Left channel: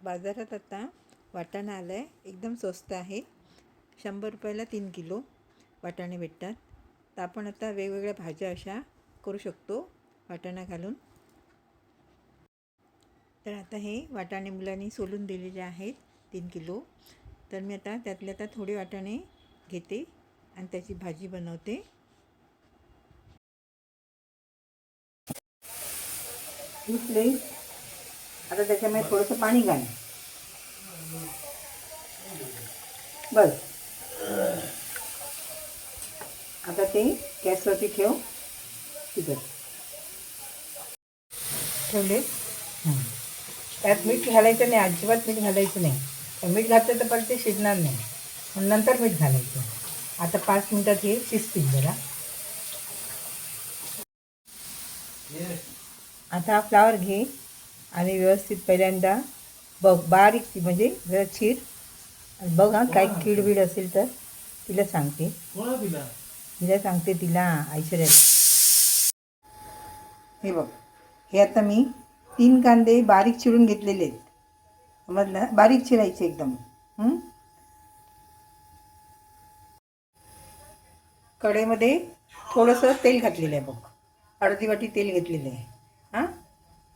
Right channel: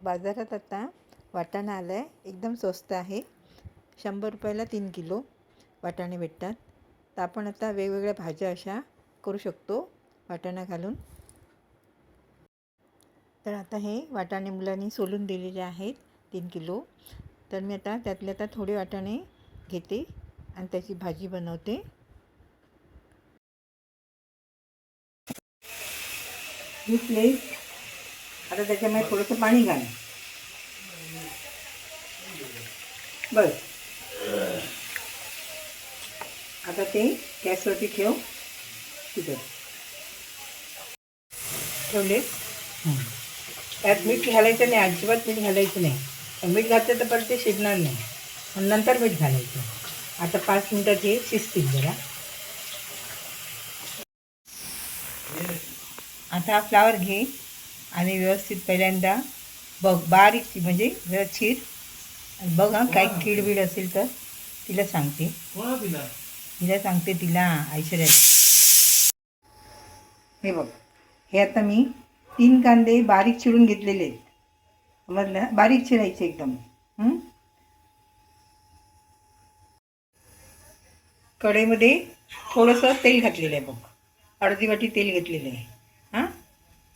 बाजारात आता वाटाणा आला आहे एकदम स्वस्त आहे. शंभर रुपयाला तीन किलो वाटाणे भेटतात. तर आपण आता वेगवेगळ्या भाज्या अशा करू शकतो वाटाणा घालून. तर आता हे वाटाणे मुलांनी सोलून दिलेले आहेत तीन किलो. तर मी आता त्यातले आता थोडे वाटाणे घेते आणि त्याची भाजी बनवते. ही प्लेट आता त्याच्यामध्ये थोडंसं पाणी घाल. बस. आता ते गॅसवरती ठेव. तिथं ठेवले? त्यात मीठ घालायचं नाही अजिबात मीठ घालायचं नाही. मीठ घातलं तर परत ते शिजणार नाही. पण नंतर मीठ घालायचं. आता पाच मिनटात हे शिजतील जरा. आता हा फ्लावर घे. आणि व्यवस्थित पहिल्यांदा बघ बारीक ची- म्हणजे चीर. आणि बघ हा काही कीड असेल तर तिला सांगते. तिला? सांगते तिला ऐश्वर्याला. हे बघ हे आता मी तीन कांदे बारीक चिरून घेतलेले आहेत. समजलं? बारीक चिरायचे एकदम? कढईमध्ये थोडंसं तेल घातलेलं आहे बघ. अर्धी वाटी तेल घेतलेलं आहे.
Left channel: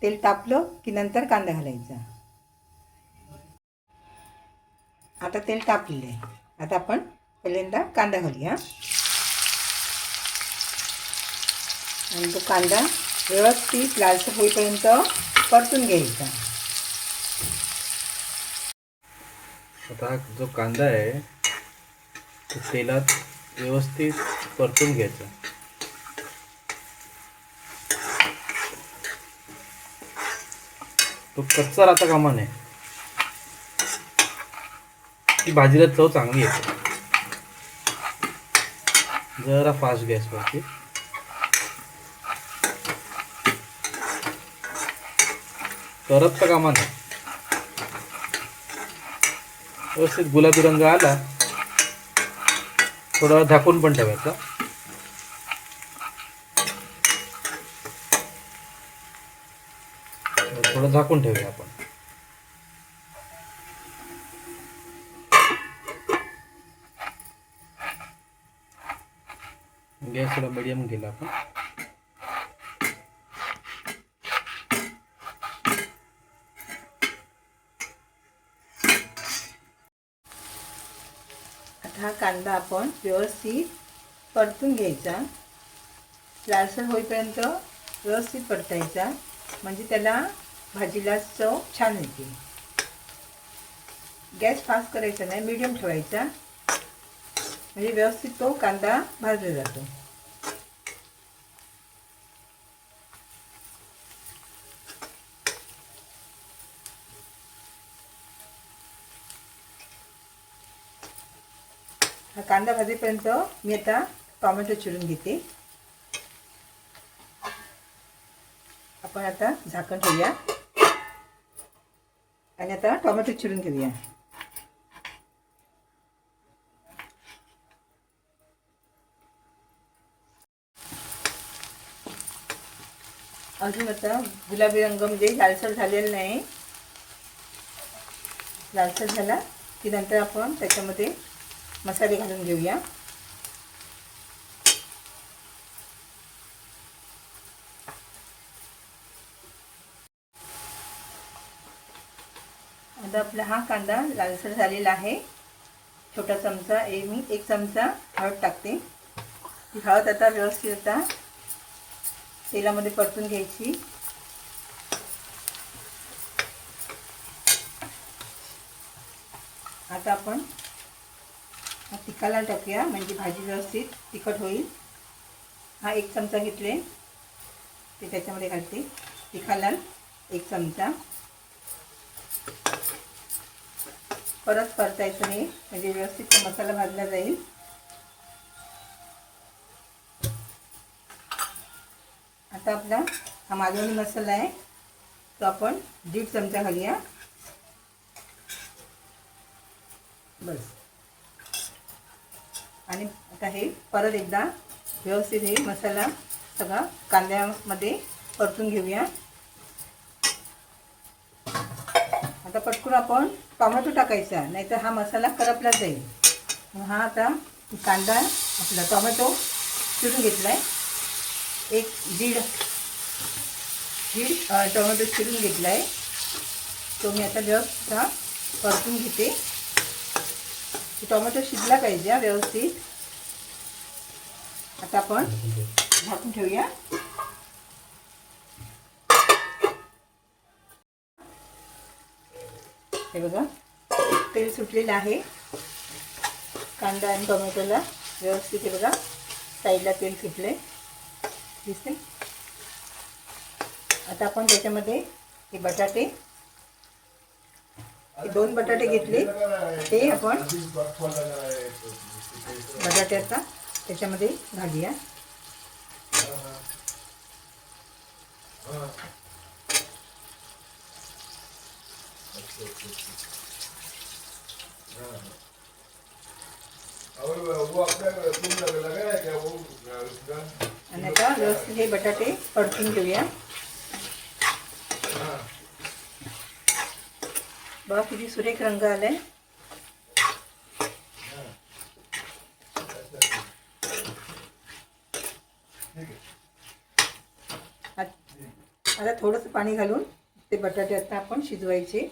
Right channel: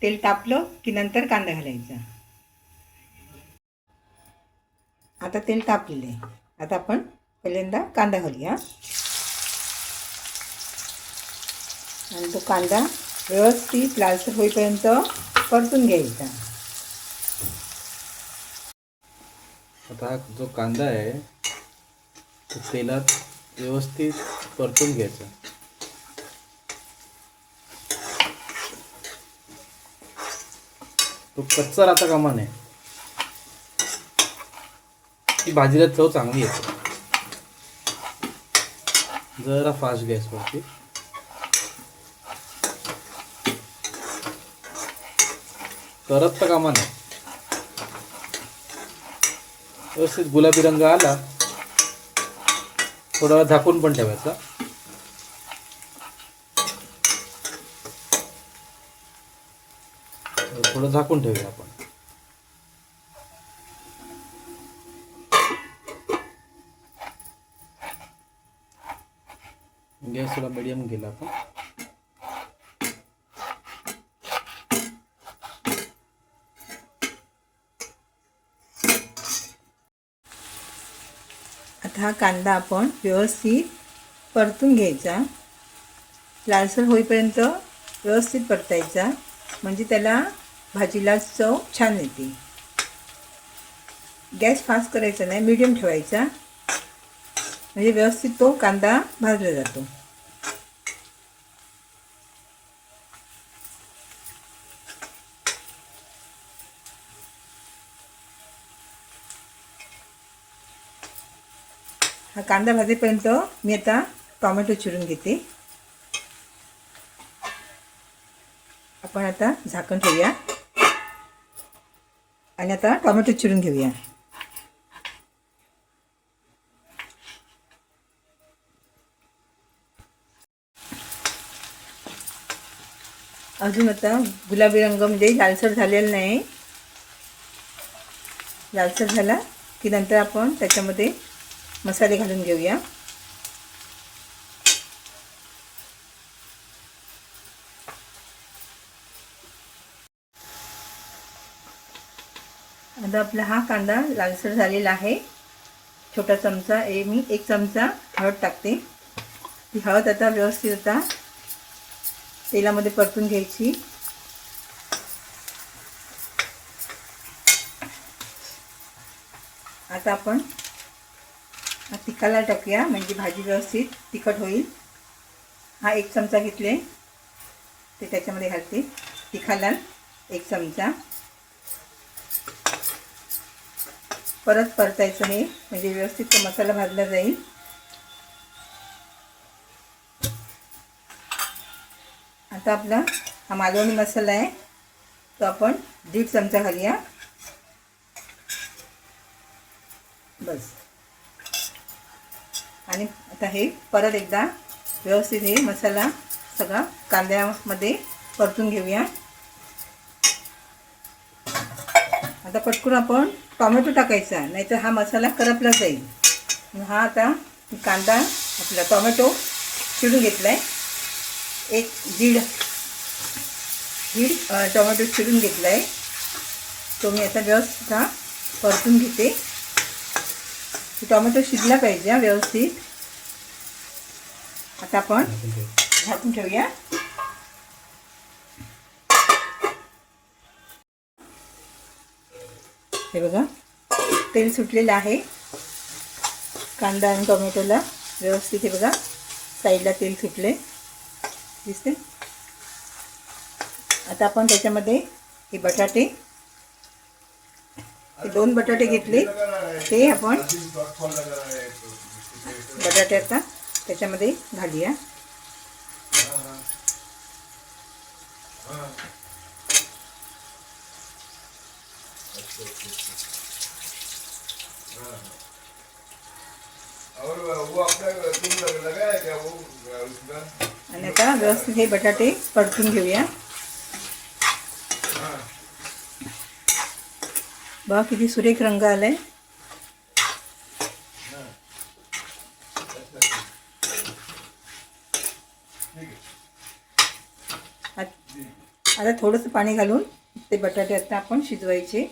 तेल तापलं की नंतर कांदा घालायचा. आता तेल तापलेलं आहे. आता आपण पहिल्यांदा कांदा घालूया. आणि तो कांदा व्यवस्थित लालसर होईपर्यंत परतून घ्यायचा. आता हा जो कांदा आहे तो तेलात व्यवस्थित परतून घ्यायचा. तो कच्चा राहता कामा नये. ती भाजीला चव चांगली येते. जरा फास्ट गॅसवरती करपता कामा नये. व्यवस्थित गुलाबी रंग आला थोडा झाकून पण ठेवायचा. थोडं झाकून ठेवूया आपण. गॅस थोडा मिडियम केला आपण आता हा कांदा आपण व्यवस्थित परतून घ्यायचा. लालसर होईपर्यंत व्यवस्थित परतायचा. म्हणजे त्याला भाजीला चव छान येते. गॅस फास्ट करायचा नाही मीडियम ठेवायचा. म्हणजे व्यवस्थित तो कांदा भाजला जातो. हा कांदा भाजेपर्यंत मी आता टॉमॅटो चिरून घेते. आपण आता झाकण ठेवूया. आणि आता टोमॅटो चिरून घेऊया अजून आता गुलाबी रंग म्हणजे लालसर झालेला नाही लालसर झाला की नंतर आपण त्याच्यामध्ये मसाले घालून घेऊया आता आपला हा कांदा लालसर झालेला आहे. छोटा चमचा ए मी एक चमचा हळद टाकते. ती हळद आता व्यवस्थित आता तेलामध्ये परतून घ्यायची. आता आपण तिखाला टाकूया म्हणजे भाजी व्यवस्थित तिखट होईल. हा एक चमचा घेतले ते त्याच्यामध्ये घालते. तिखाला एक चमचा. परत परतायचं हे म्हणजे व्यवस्थित तो मसाला भाजला जाईल. आता आपला हा मालवणी मसाला आहे. तो आपण दीड चमचा घालूया. बस. आणि आता हे परत एकदा व्यवस्थित हे मसाला सगळा कांद्यामध्ये परतून घेऊया. आता पटकून आपण टॉमॅटो टाकायचा नाहीतर हा मसाला करपला जाईल. मग हा आता कांदा आपला टॉमॅटो चिरून घेतला आहे एक दीड दीड टोमॅटो चिरून घेतला आहे तो मी आता व्यवस्थित हा परतून घेते. टोमॅटो शिजला पाहिजे व्यवस्थित. आता आपण झाकून ठेवूया. हे बघा. तेल सुटलेलं आहे. कांदा आणि टोमॅटोला व्यवस्थित हे बघा. साईडला तेल सुटले. दिसते? आता आपण त्याच्यामध्ये हे बटाटे हे दोन बटाटे घेतले. ते आपण बटाटे आता त्याच्यामध्ये घालूया. आणि आता व्यवस्थित हे बटाटे परतून घेऊया. बघा किती सुरेख रंग आलाय. आता थोडंसं पाणी घालून ते बटाटे आता आपण शिजवायचे.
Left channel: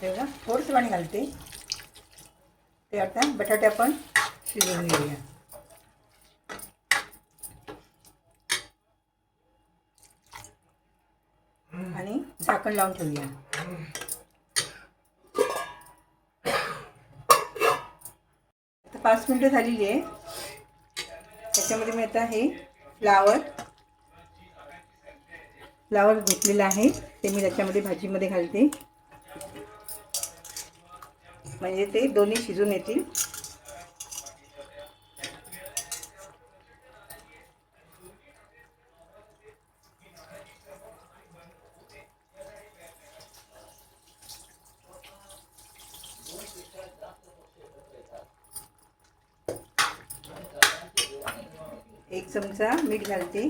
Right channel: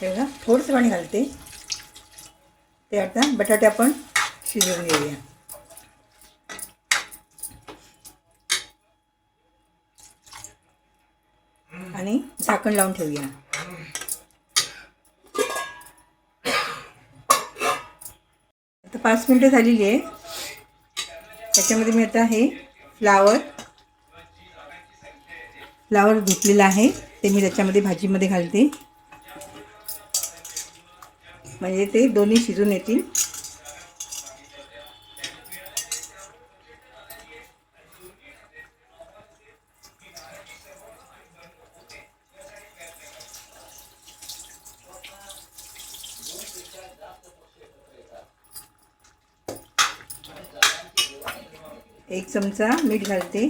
हे बघा थोडंसं पाणी घालते. ते आता बटाटे आपण शिजवून घेऊया. आणि झाकण लावून ठेवूया. आता पाच मिनटं झालेली आहे. त्याच्यामध्ये मी आता हे फ्लावर फ्लावर घेतलेलं आहे. ते मी त्याच्यामध्ये भाजीमध्ये घालते. म्हणजे ते दोन्ही शिजून येतील. एक चमचा मीठ घालते.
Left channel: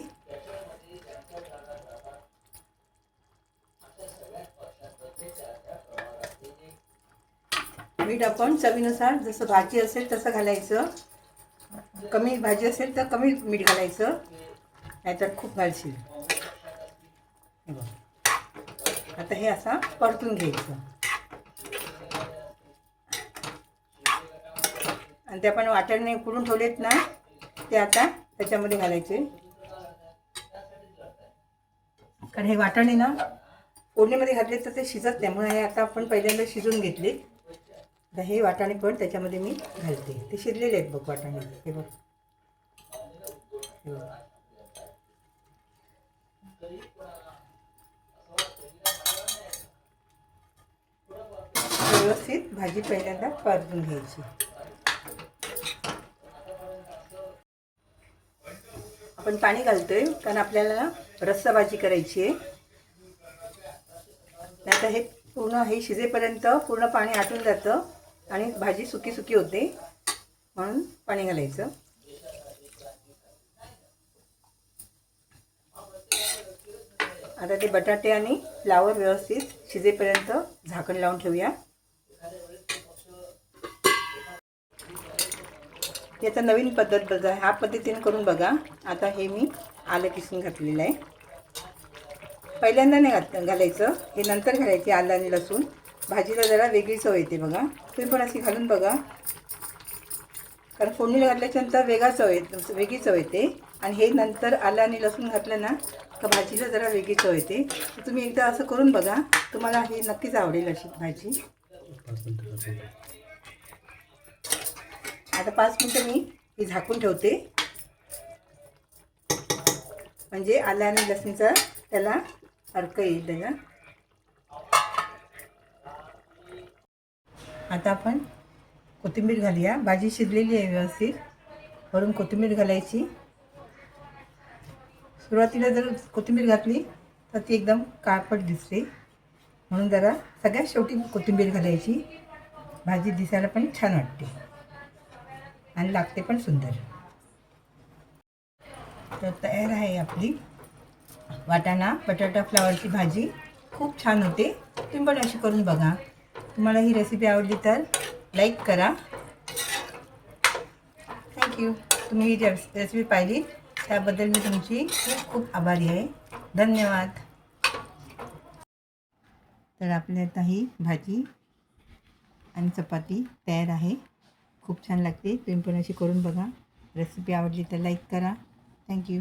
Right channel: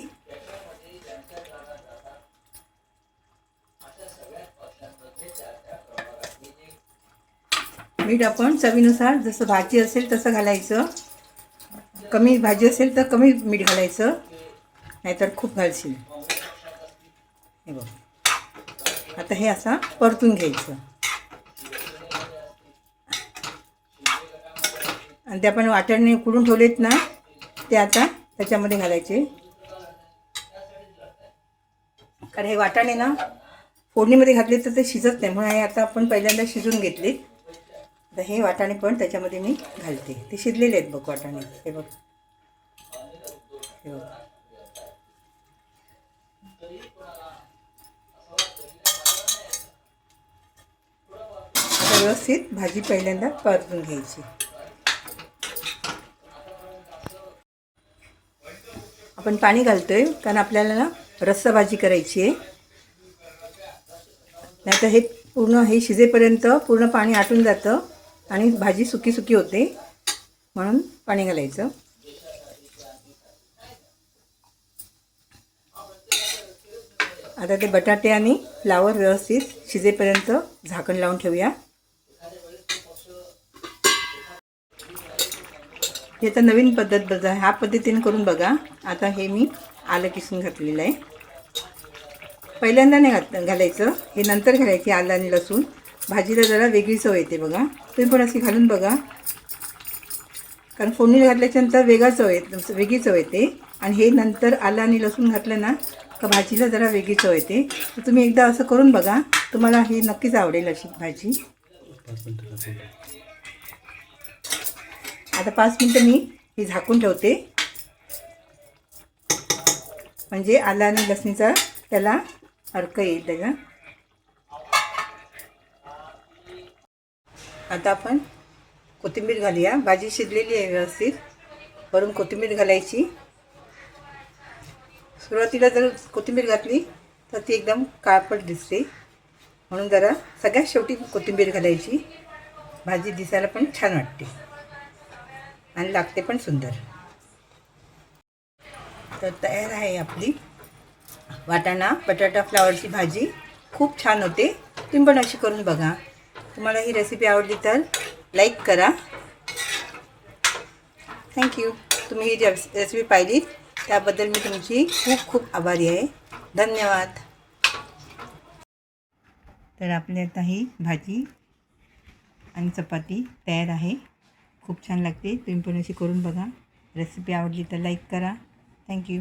मीठ आपण चवीनुसार जसं भाजी असेल तसं घालायचं. कमी भाजी असेल तर कमी मीठ घालायचं. नाहीतर खूप घालशील. हे बघ. आता हे असं परतून घ्यायचं. आणि ते आपण वाटणने उकडून ठेवलेत ना ते आता त्याच्यामध्ये घालायचे. कारण हे वाटाणे ना फोडणीमध्ये घातले तर ते शिजत नाही. म्हणून हे आता आपण पहिल्यांदा शिजून घेतले आता हे वाटाणे पण त्याच्यामध्ये मी घालते. ते शिजलेले आहेत बघ वाटाणे. हे बघ. हे बघ. व्यवस्थित भाजी पहिल्यांदा परतून घ्यायची. आपण पाणी घालतोय कारण आपल्याला ना रस्सा भाजी करायची आहे. नाहीतर हे पूर्ण हे शिजेपर्यंत पूर्ण पाणी आटून जातं. आणि भाजी सुकी सुकी होते. म्हणून पाणी घालायचं. आता ते बटाटे आणि फ्लावर व्यवस्थित शिजेपर्यंत झाकण लावून ठेवूया. ही नवीन पद्धत बघा. ह्या पद्धतीने करून बघा. आता हे मी आलं किसून घातलेलं आहे. पहिल्यांदा नाही घात घालायचं. हे नंतर घालायचं आलं आणि लसूण. भाजीला जरा वेगळी चव येते बघा. तुम्ही पण अशी घालून बघा. कारण फोडणीला घातल्याच्यानंतर वेगळा चव येते वेगळी चव येते. आणि हे नंतर आलं आणि लसूण घातलं ना तर भाजीला जरा वेगळी चव येते. तर तुम्ही एकदा असं करून बघा. तुम्हाला हे नक्कीच आवडेल अशी भाजी. आता पाच मिनटं मी हे झाकून ठेवते. म्हणजे आला आणि लसणीचा त्याला अर्क येईल त्याचा. आता आपण कोथिंबीर घालूया. भाजी शिजलेली आहे व्यवस्थित. वरून कोथिंबीर घालायची. सुरुवातीला जर कोथिंबीर घातली तर ती एकदम काळपट दिसते. म्हणून जरा सगळ्यात शेवटी कोथिंबीर घालायची. भाजी दिसायला पण छान वाटते. आणि लागते पण सुंदर. तर तयार आहे आपली वाटाणा बटाटा फ्लावरची भाजी. खूप छान होते. तुम्ही पण अशी करून बघा. तुम्हाला ही रेसिपी आवडली तर लाईक करा. थँक्यू तुम्ही ही रेसिपी पाहिली त्याबद्दल मी तुमची खूप खूप आभारी आहे. धन्यवाद. तर आपली आता ही भाजी आणि चपाती तयार आहे. खूप छान लागते. तुम्ही पण अशी करून बघा. रेसिपी आवडली तर लाईक करा. थँक्यू